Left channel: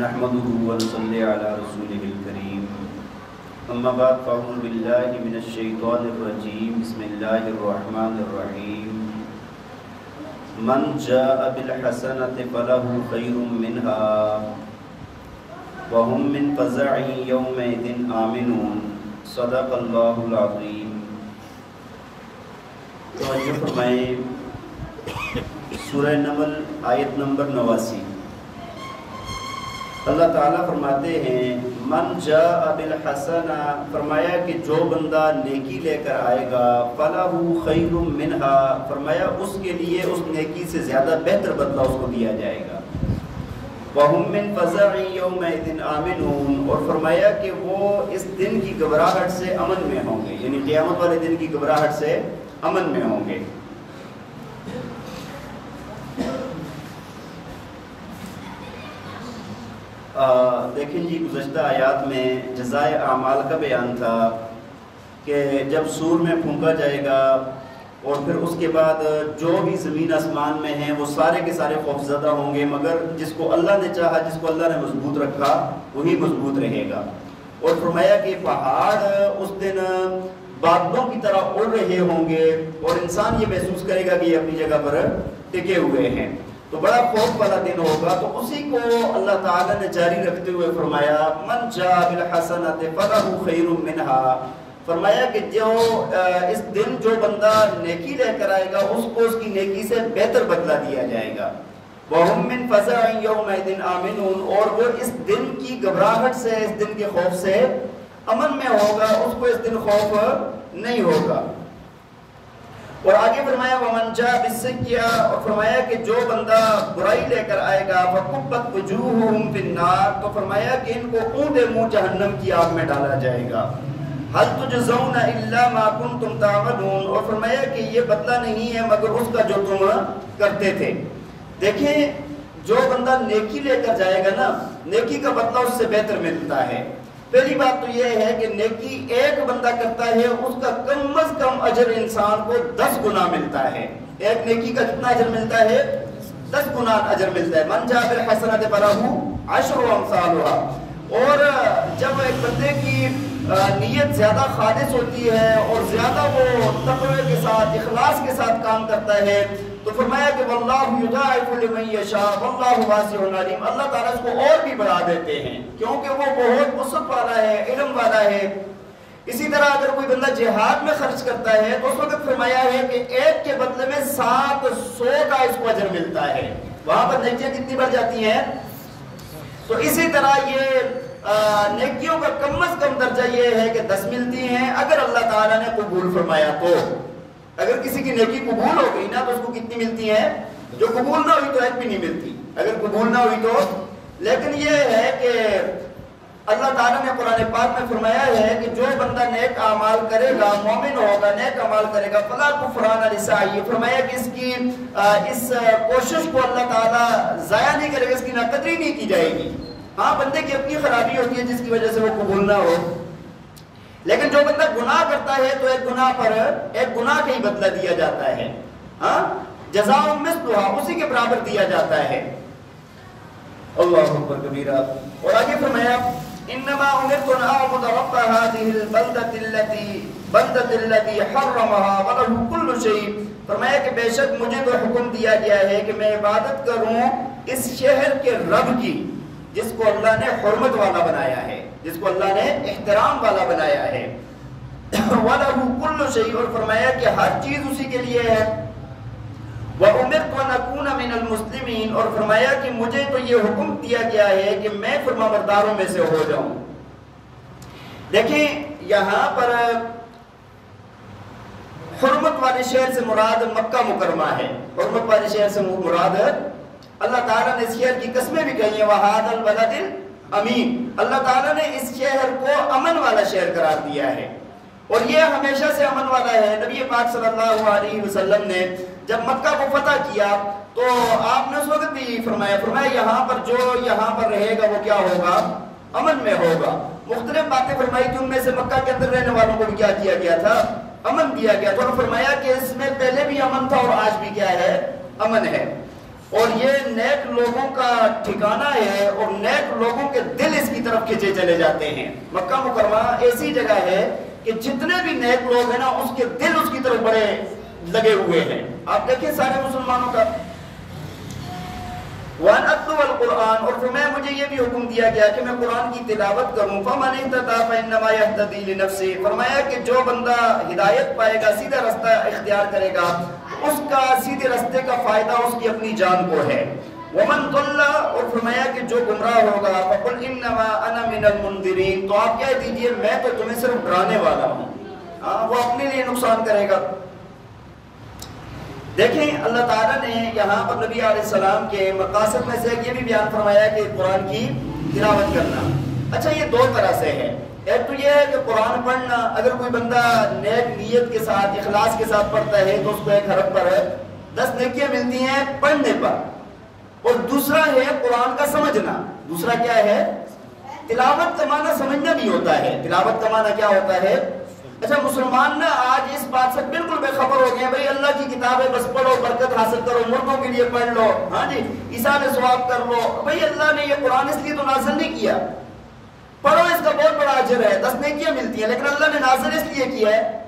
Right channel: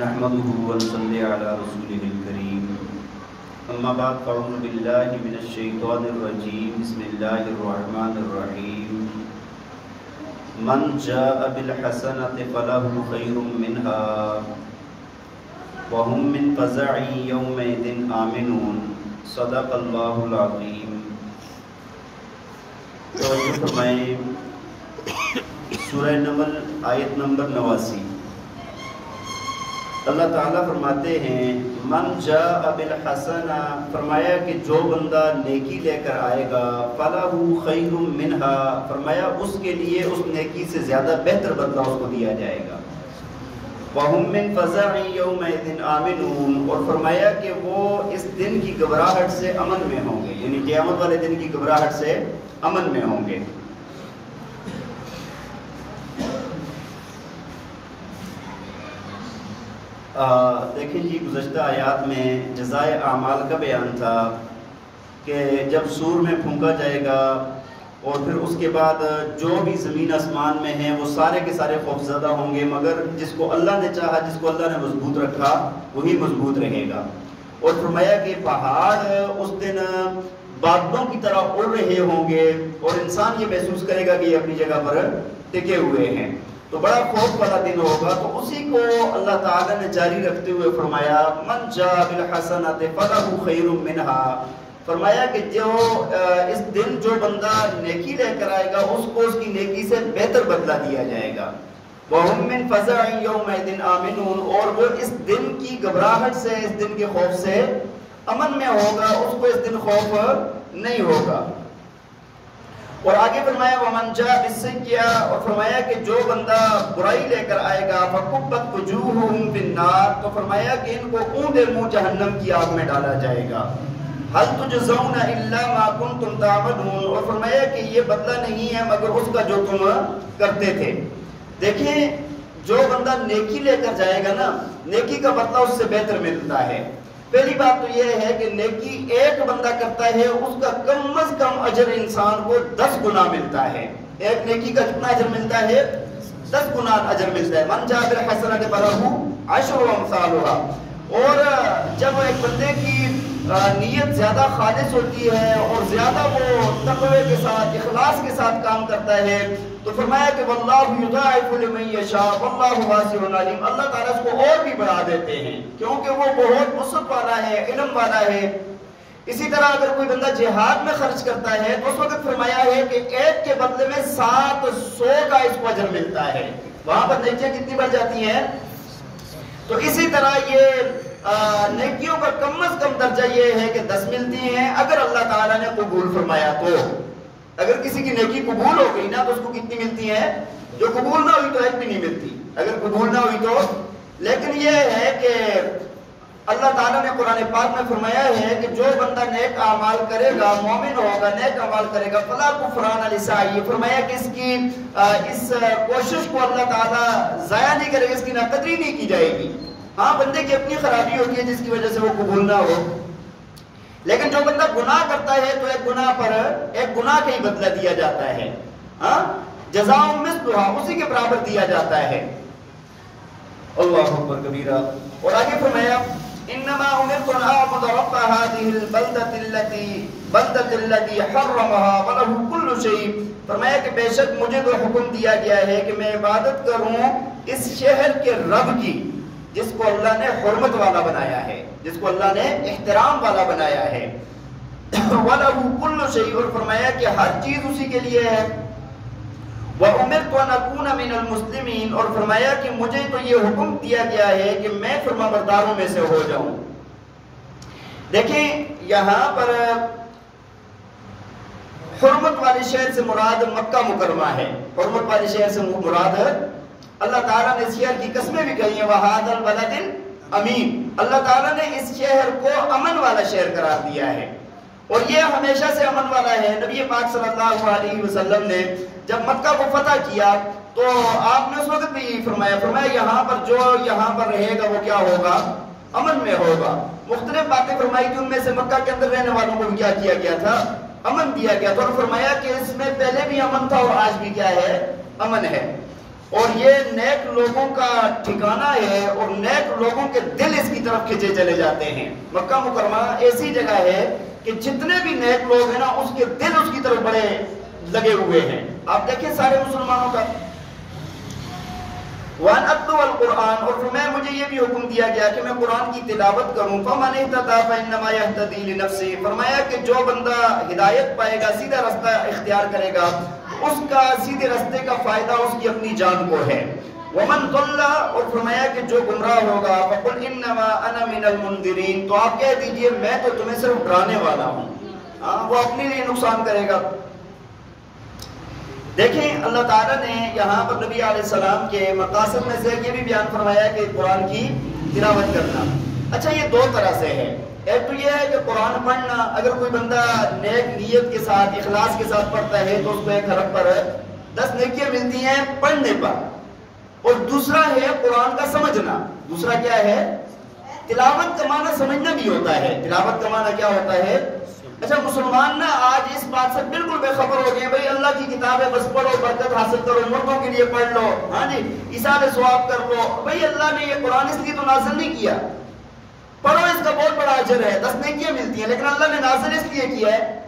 نحمده ونصلي على رسوله الكريم اما بعد فاعوذ بالله من الشيطان الرجيم بسم الله الرحمن الرحيم من جاء بالحسنة فله خير منها وهم من فزع يومئذ آمنون صدق الله العظيم۔ توجہ فرمائیں، سورہ نمل آیت نمبر 89۔ اللہ تعالیٰ فرماتے ہیں من جاء بالحسنہ، فرمایا کہ جو بندہ نیکی لے کر آئے گا، فلہ خیر منہا، فرمایا اس کے لیے اس نیکی سے زیادہ بہتر بدلہ اس کو دیا جائے گا۔ وَهُمْ مِنْ فَزَعٍ يَوْمَئِذٍ آمِنُونَ، اور فرمایا کہ وہ اس دن کی گھبراہٹ سے امن میں ہوں گے، یعنی قیامت والے دن کی گھبراہٹ سے امن میں ہوں گے۔ دیکھیں جی، گزشتہ آیات میں جزائے اعمال کا بیان تھا کہ جب سور میں پھونکا جائے گا اور پھر اس کے بعد جو بھی زمین آسمان میں ہیں وہ سارے کے سارے خوفزدہ ہوں گے، مگر جس کو اللہ نے چاہا، جس کو اللہ نے مضبوط رکھا، وہی مضبوط رہے گا۔ اور فرمایا کہ پہاڑ اس دن بادلوں کی طرح اڑ رہے ہوں گے اور انسان یہ محسوس کرے گا کہ یہ اپنی جگہ پر ٹکے ہوئے ہیں، تو بڑا خوف والا دن ہوگا۔ تو اسی کو اللہ تعالیٰ نے جاری رکھتے ہوئے فرمایا من جاء بالحسنۃ فلہ خیر منہا، فرمایا کہ جو اس دن جو بندہ نیکی لے کر آئے گا اس کو اس کی نیکی سے بہتر بدلہ دیا جائے گا۔ وَهُمْ مِنْ فَزَعٍ يَوْمَئِذٍ آمِنُونَ، اور وہ اس دن کی گھبراہٹ سے، اس دن کے خوف سے امن میں ہوگا، اس کو اس دن خوف نہیں ہوگا۔ اور آگے فرمایا وَمَنْ جَاءَ بِالسَّيِّئَةِ، اور فرمایا کہ جو بندہ برائی لے کر آئے گا فَكُبَّتْ وُجُوهُهُمْ فِي النَّارِ، تو فرمایا کہ ان کو اونڈے منہ جہنم کی آگ میں ڈالا جائے گا۔ هَلْ تُجْزَوْنَ إِلَّا مَا كُنْتُمْ تَعْمَلُونَ، اور فرمایا کہ یہ بدلہ نہیں ہے مگر اس کا جو تم کرتے تھے۔ دیکھیں، جو بندہ نیکی لے کر جائے گا نا، نیکی کا بدلہ اس سے بہتر ملتا ہے۔ پہلی بات تو یہ ہے کہ نیکی ایک بندہ کرتا ہے، اس کا کم از کم اجر انسان کو 10 گنا ملتا ہے۔ ایک نیکی کا کتنا اجر ملتا ہے؟ 10 گنا اجر ملتا ہے۔ من جاء بالحسنۃ فلہ عشر امثالها۔ اور جب ایک بندے کی نیت زیادہ خالص ہوتی ہے اور زیادہ وہ تقوی کے ساتھ، اخلاص کے ساتھ کام کرتا ہے، تو فرمایا کہ واللہ یضاعف لمن یشاء واللہ واسع علیم، اللہ تعالیٰ اس کو اور بھی بڑھا دیتے ہیں کیونکہ وہ بہت وسعت والا ہے، علم والا ہے۔ اسی طرح اگر کوئی بندہ جہاد میں خرچ کرتا ہے تو اس وقت فرمایا ہے کہ ایک کے بدلے میں 700 کا اس کو اجر ملتا ہے، وہاں پر نیکیاں کتنی بڑھ جاتی ہیں۔ تو اسی طرح یہ نیکیوں کا کم از کم درجہ یہ ہے کہ 10 ملتی ہیں اگر اللہ تعالیٰ نے قبول فرمایا تو۔ اگر کسی کی نیکی قبول ہو گئی نا تو اس کو کتنی ملتی ہیں؟ جو قبول نہ ہوئی تو ایک بھی نہیں ملتی، اگر قبول نہ ہوئی تو۔ لیکن یہ ہے کہ اللہ تعالیٰ نے قرآن پاک میں فرمایا ہے کہ جو بندہ نیک اعمال کرے گا، مومن ہوگا، نیک اعمال کرے گا، فلا کفران لسعیہ، فرمایا کہ اس کی اس کوشش کو اللہ تعالیٰ ضائع نہیں کرے گا، اس کی ناقدری نہیں کی جائے گی۔ ہاں، بندے کی اپنی خرابی ہوتی ہے جس کی وجہ سے وہ قبول نہ ہو، لیکن جو بندہ گناہ کرتا ہے تو ایک گناہ پر ایک گناہ کا ہی بدلہ دیا جاتا ہے، ہاں، جزاء مثلھا، اسی کے برابر دیا جاتا ہے۔ اللہ اکبر کبیرہ۔ اور آگے فرمایا انما امرت ان اعبد رب هذه البلدة التي حرمها وله كل شيء، فرمایا کہ بے شک مجھے تو حکم دیا گیا ہے کہ میں عبادت کروں اس شہر کے رب کی جس کو اللہ نے حرمت والا بنایا ہے، جس کو اللہ نے احترام والا بنایا ہے۔ وَلَهُ كُلُّ شَيْءٍ، اور فرمایا کہ ہر چیز اسی کے لیے ہے۔ وَأُمِرْتُ أَنْ أَكُونَ مِنَ الْمُسْلِمِينَ، اور فرمایا کہ مجھے تو یہ حکم دیا گیا ہے کہ میں فرمانبرداروں میں سے ہو جاؤں۔ دیکھیں، یہاں پر حرمت والے شہر سے مراد مکہ مکرمہ ہے، حرمت والے شہر سے مراد اللہ تعالیٰ نے اس شہر کی قسمیں بھی کہی ہیں وَهَذَا الْبَلَدِ الْأَمِينَ، اللہ تعالیٰ نے اس شہر کو امن والا شہر قرار دیا ہے، اور یہ ہمیشہ سے امن والا ہے۔ نبی پاک صلی اللہ علیہ وسلم نے جب مکہ کو فتح کیا تو آپ نے اس وقت بھی فرمایا یہاں پر جو یہاں پر رہے گا وہ کیا ہوگا؟ امن میں ہوگا۔ مختلف باتیں فرمائی تھی، ان میں سے مکہ کے اندر رہنے والوں کو بھی کیا کیا گیا تھا؟ امن دیا گیا تھا، اور فرمایا کہ اس میں پہلے بھی امن تھا اور آج بھی کیا ہے؟ امن ہے۔ اور یہ نیک لوگوں کا ٹھکانہ ہے اور نیک لوگوں کے دل اس کی طرف کھینچے چلے جاتے ہیں۔ مکہ مکرمہ ایسی جگہ ہے کہ جتنے بھی نیک لوگ ہیں نا اس کے دل اس کی طرف بڑے لگے ہوئے ہیں۔ آپ دیکھیں سارے مسلمانوں کا وَأَنْ أَتْلُوَ الْقُرْآنَ، اور فرمایا مجھے یہ بھی حکم دیا گیا کہ میں قرآن کی تلاوت کروں۔ فَمَنِ اهْتَدَىٰ فَإِنَّمَا يَهْتَدِي لِنَفْسِهِ، فرمایا کہ جو بندہ ہدایت پائے گا، سیدھا رستہ اختیار کرے گا، اس کا سیدھے رستے کا فائدہ اس کی اپنی جان کو ہے۔ وَمَنْ ضَلَّ، اور فرمایا کہ جو گمراہ ہوگا، فَقُلْ إِنَّمَا أَنَا مِنَ الْمُنذِرِينَ، تو آپ کہہ دیجئے میں تو تمہیں صرف ڈرانے والا ہوں۔ وہ اپنے لیے نقصان کرے گا۔ دیکھیں اللہ تعالیٰ نے یہاں پر نبی علیہ السلام کے مقاصد میں سے یہ بھی بیان فرمایا کہ قرآن کی تلاوت کرنا۔ اچھا یہ دو طرح سے ہے، ایک تو یہ ہے کہ قرآن پڑھنا، اگر کوئی بندہ نیک نیت کے ساتھ اخلاص کے ساتھ پڑھتا ہے تو اس کو 1 حرف پر 10 نیکیاں ملتی ہیں پڑھنے پر، اور دوسرا ہے قرآن کا سمجھنا۔ دوسرا کیا ہے؟ تلاوت کا معنی سمجھنا بھی ہوتا ہے۔ تلاوت کا معنی کیا ہوتا ہے؟ اچھا مسلمان نا آج اس بات سے بالکل بے خبر ہو گئے ہیں، بھئی اللہ کی کتاب ہے بس پڑھو، برکت حاصل کرو، مردوں کے لیے پڑھ لو، ہاں جی ایثار ثواب کر لو۔ بھئی اللہ نے یہ قرآن اس لیے تو نازل نہیں کیا، پڑھو اس کا بہت بڑا اجر ہے، 10 نیکیاں ملتی ہیں، لیکن اللہ نے نازل اس لیے کیا ہے،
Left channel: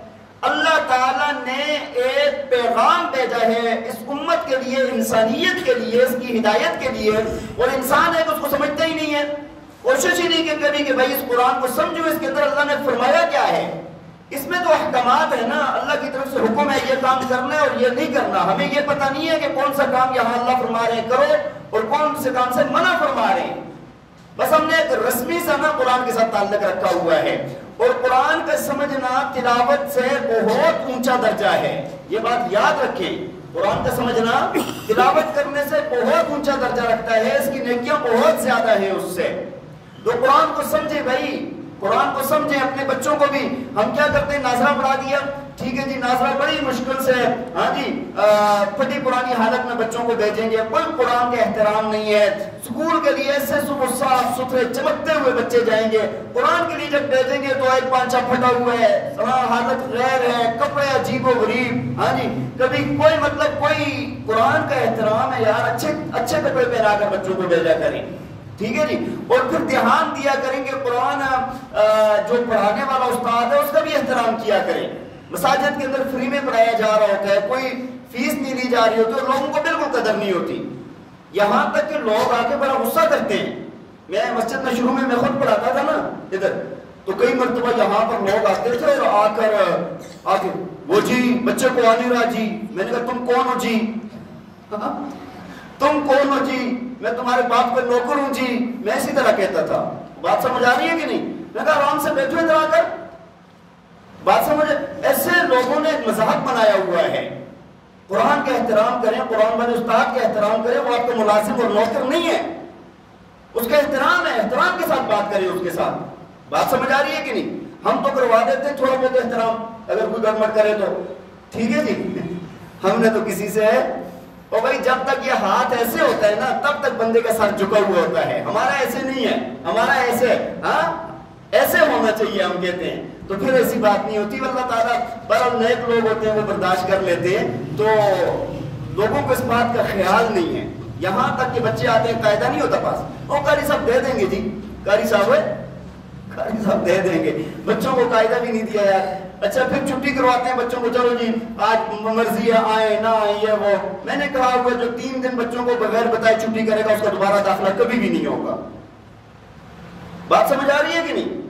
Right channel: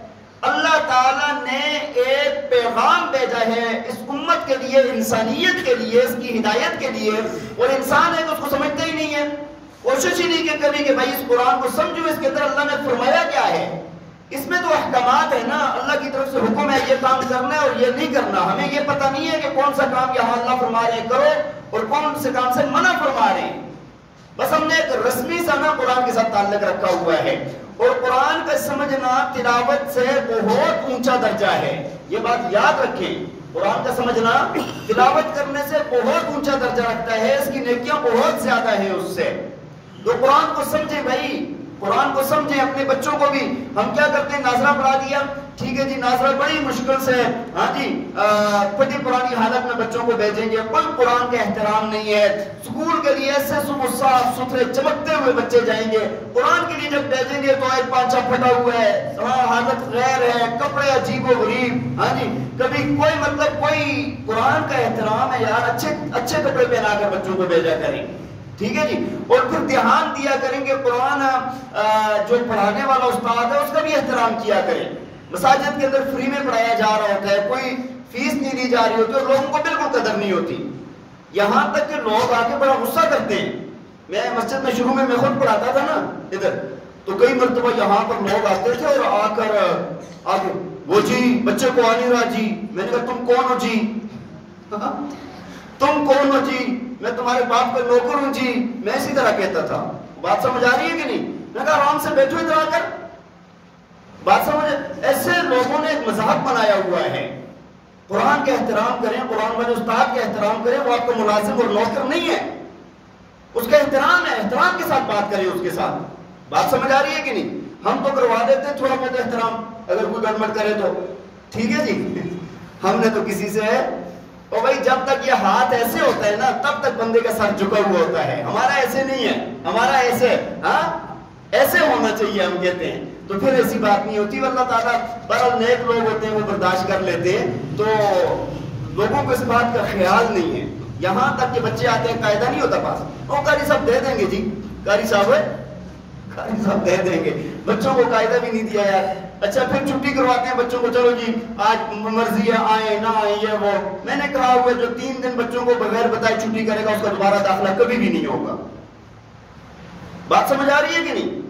اللہ تعالیٰ نے ایک پیغام بھیجا ہے اس امت کے لیے، انسانیت کے لیے، اس کی ہدایت کے لیے، اور انسان ہے کہ اس کو سمجھتا ہی نہیں ہے، کوشش ہی نہیں کہ کبھی کہ بھائی اس قرآن کو سمجھو، اس کے اندر اللہ نے فرمایا کیا ہے۔ اس میں تو احکامات ہے نا، اللہ کی طرف سے حکم ہے یہ کام کرنا ہے اور یہ نہیں کرنا، ہمیں یہ پتہ نہیں ہے کہ کون سا کام یہاں اللہ فرما رہے ہیں کرو اور کون سے کام سے منع فرما رہے ہیں، بس ہم نے ایک رسمی سا نا قرآن کے ساتھ تعلق رکھا ہوا ہے۔ اور قرآن کا سمجھنا تلاوت سے بہت اونچا درجہ ہے، یہ بات یاد رکھیں، قرآن کا سمجھنا تلاوت کرنے سے بہت اونچا درجہ رکھتا ہے، اس کی نیکیاں بہت زیادہ ہیں اس سے۔ تو قرآن کو سمجھے بھائی، قرآن کو سمجھیں، اپنے بچوں کو بھی ہم کیا کرتے ہیں، ناظرہ پڑھا دیا، ٹھیک ہے جی ناظرہ بڑی مشکل سے، ہاں جی پھٹی پرانی حالت میں بچوں کو بھیجیں گے، کوئی قرآن کا احترام نہیں ہے، اسکول کے لیے ایسے صبح صاف ستھرے چمکتے ہوئے بچے جائیں گے، قرآن کے لیے جب بھیجیں گے تو ایک پانچا پھٹا ہوا ہے، حالت غیر ہے، کپڑے عجیب و غریب، ہاں جی کبھی کوئی مطلب کوئی قرآن کا احترام ہے یار، اچھے کپڑے پہنا کر بچوں کو بھیجا کریں، ٹھیک ہے جی۔ اور پھر دھیان دیا کریں گے قرآن جو پڑھانے والا استاد ہے اس کا بھی احترام کیا کریں۔ مساجد کے اندر فری میں پڑھایا جا رہا ہوتا ہے، کوئی فیس نہیں لی جا رہی ہوتی اور لوگوں کو بالکل قدر نہیں ہوتی، یہاں تک کہ لوگ آ کے بڑا غصہ کرتے ہیں۔ میں مسجد میں شروع میں خود پڑھاتا تھا نا ادھر، تو کئی مرتبہ یہاں پر لوگ آتے تھے اور آ کے وہ جی بچے کو آ نہیں رہا جی، میں نے کہا تم کون ہو جی، تم کون ہو جی، میں تمہارے باپ کا نوکر ہوں جی، میں اسی طرح کہتا تھا۔ بات سمجھ آ رہی ہے کہ نہیں؟ میں کہا آرام سے بیٹھو ادھر آ کر، بات سمجھ، ایسے لوگوں نے ایک مذاق بنایا ہوا ہے۔ قرآن کا احترام کریں، قرآن والے استاد کا احترام کریں، وہ آپ کا ملازم اور نوکر نہیں ہے، اس کا احترام ہے، احترام کے ساتھ بات کریں اس کے ساتھ۔ بات سمجھ آ رہی ہے کہ نہیں؟ ہم تو کروا دیتے ہیں تھوڑا بہت احترام، اگر کوئی گڑبڑ کرے تو ٹھیک ہے جی، ہم نے تو کسی سے، اور بھائی جب تک یہ ہاتھ ایسے ہوتا ہے نا تب تک بندے کا سر جھکا ہوا ہوتا ہے، ہمارا ایسے نہیں ہے، ہمارا ایسے، ہاں ایسے ہونا چاہیے ہم کہتے ہیں، تو پھر ایسی بات نہیں ہوتی۔ اللہ تعالیٰ بہرحال نیک لوگ ہوتے ہیں وہ برداشت کر لیتے ہیں، تو لوگوں کو اس بات کا خیال نہیں ہے، یہاں تک کہ بچے آتے ہیں قاعدہ نہیں ہوتا پاس، وہ قاری صاحب دے دیں گے جی، قاری صاحب دے دیں گے، بچوں کو قاعدہ بھی نہیں دیا یار۔ اچھا پھر چھٹی کرواتے ہیں بچوں کو، چلو جی آج مرضی ہے آئیں نہ آئیں یہ وہ، میں نے کہا ہوا جو 3 دن بچوں کو بغیر بتائے چھٹی کرے گا اس کا دوبارہ داخلہ کبھی بھی نہیں ہوگا۔ بات سمجھ آ رہی ہے کہ نہیں؟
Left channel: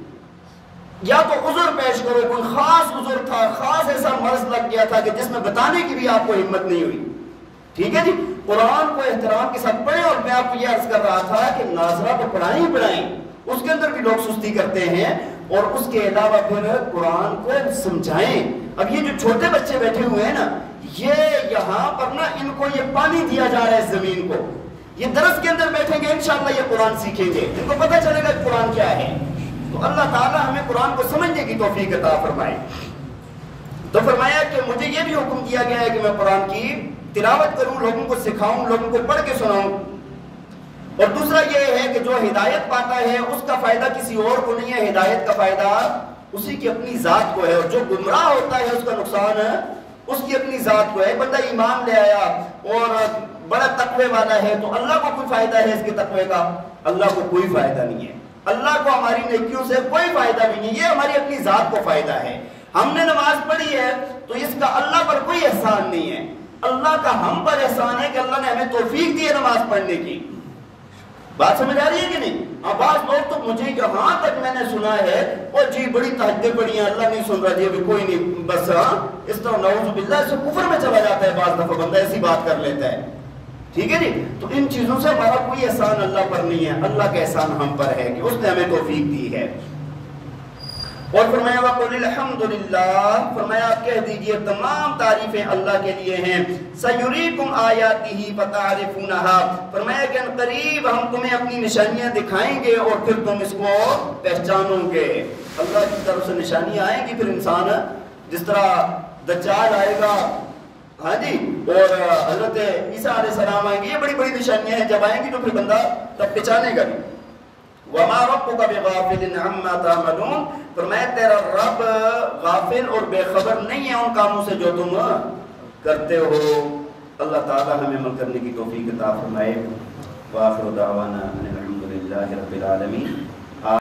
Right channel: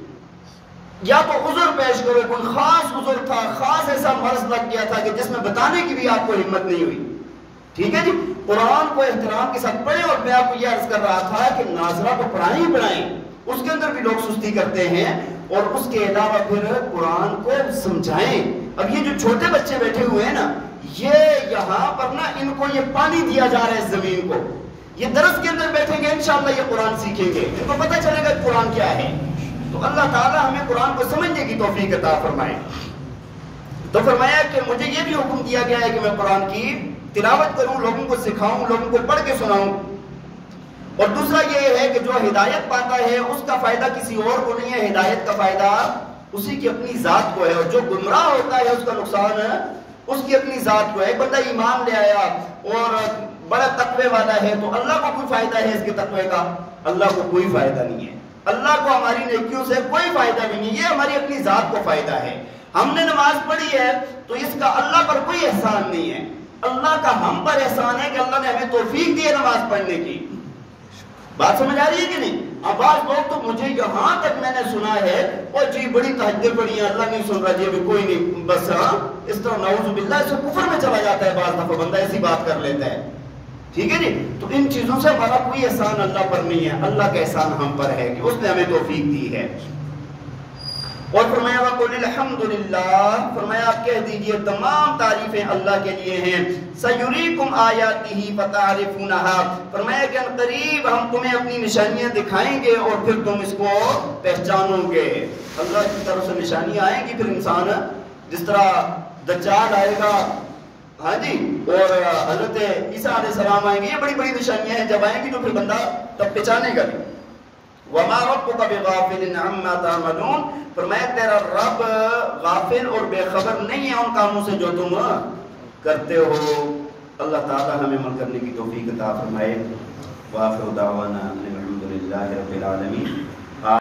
یا تو عذر پیش کرو، کوئی خاص عذر تھا، خاص ایسا مرض لگ گیا تھا کہ جس میں بتانے کی بھی آپ کو ہمت نہیں ہوئی، ٹھیک ہے جی۔ قرآن کو احترام کے ساتھ پڑھیں، اور میں آپ کو یہ عرض کر رہا تھا کہ ناظرہ کو پڑھائیں ہی پڑھائیں، اس کے اندر بھی لوگ سستی کرتے ہیں، اور اس کے علاوہ پھر قرآن کو سمجھائیں۔ اب یہ جو چھوٹے بچے بیٹھے ہوئے ہیں نا، یہ یہاں پر نا ان کو یہ پانی دیا جا رہا ہے زمین کو، یہ درس کے اندر بیٹھیں گے انشاءاللہ یہ قرآن سیکھیں گے، ان کو پتہ چلے گا قرآن کیا ہے۔ تو اللہ تعالیٰ ہمیں قرآن کو سمجھنے کی توفیق عطا فرمائے۔ تو فرمایا کہ مجھے یہ بھی حکم دیا گیا ہے کہ میں قرآن کی تلاوت کروں، لوگوں کو سکھاؤں، لوگوں کو پڑھ کے سناؤں، اور دوسرا یہ ہے کہ جو ہدایت پاتا ہے اس کا فائدہ کسی اور کو نہیں ہے، ہدایت کا فائدہ اسی کی اپنی ذات کو ہے، اور جو گمراہ ہوتا ہے اس کا نقصان اس کی اپنی ذات کو ہے۔ ایک بندہ ایمان لے آیا اور بڑا تقوی والا ہے تو اللہ کو کوئی فائدہ ہے اس کے تقوی کا؟ اللہ کو کوئی فائدہ نہیں ہے، اللہ کو ہماری نیکیوں سے کوئی فائدہ بھی نہیں، یہ ہماری اپنی ذات کو فائدہ ہے۔ ہم نے نماز پڑھی ہے تو اس کا اللہ پر کوئی احسان نہیں ہے، اللہ کا ہم پر احسان ہے کہ اللہ نے ہمیں توفیق دی ہے نماز پڑھنے کی۔ بات سمجھ آ رہی ہے کہ نہیں؟ اب بعض لوگ تو مجھے یہاں تک میں نے سنا ہے اور جی بڑی تہجدیں پڑھی ہیں، اللہ نہیں سن رہا جی ابھی کوئی نہیں، بس ہاں اس طرح نعوذ باللہ اس سے کفر میں چلا جاتا ہے، بعض دفعہ بندہ ایسی بات کر لیتا ہے، ٹھیک ہے جی۔ تو ان چیزوں سے ہمارا کوئی احسان اللہ پر نہیں ہے، اللہ کا احسان ہم پر ہے کہ اس نے ہمیں توفیق دی ہے۔ اور فرمایا وَقُلِ الْحَمْدُ لِلَّهِ، فرمایا آپ کہہ دیجئے تمام تعریفیں اللہ کے لیے ہیں، سَيُرِيكُمْ آيَاتِهِ فَتَعْرِفُونَهَا، فرمایا کہ ان قریب ہم تمہیں اپنی نشانیاں دکھائیں گے اور پھر تم اس کو پہچانو گے۔ اللہ کی طرف سے نشانیاں آئیں گی، پھر انسان جس طرح دجال آئے گا، ہاں جی، اور حضرت عیسیٰ علیہ السلام آئیں گے، یہ بڑی بڑی نشانیاں ہیں، جب آئیں گی تو پھر بندہ تب پہچانے گا بھی۔ وَمَا رَبُّكَ بِغَافِلٍ عَمَّا تَعْمَلُونَ، فرمایا تیرا رب غافل اور بے خبر نہیں ہے ان کاموں سے جو تم کرتے ہو۔ اللہ تعالی ہمیں عمل کرنے کی توفیق عطا فرمائے۔ وآخر دعوانا ان الحمد للہ رب العالمین۔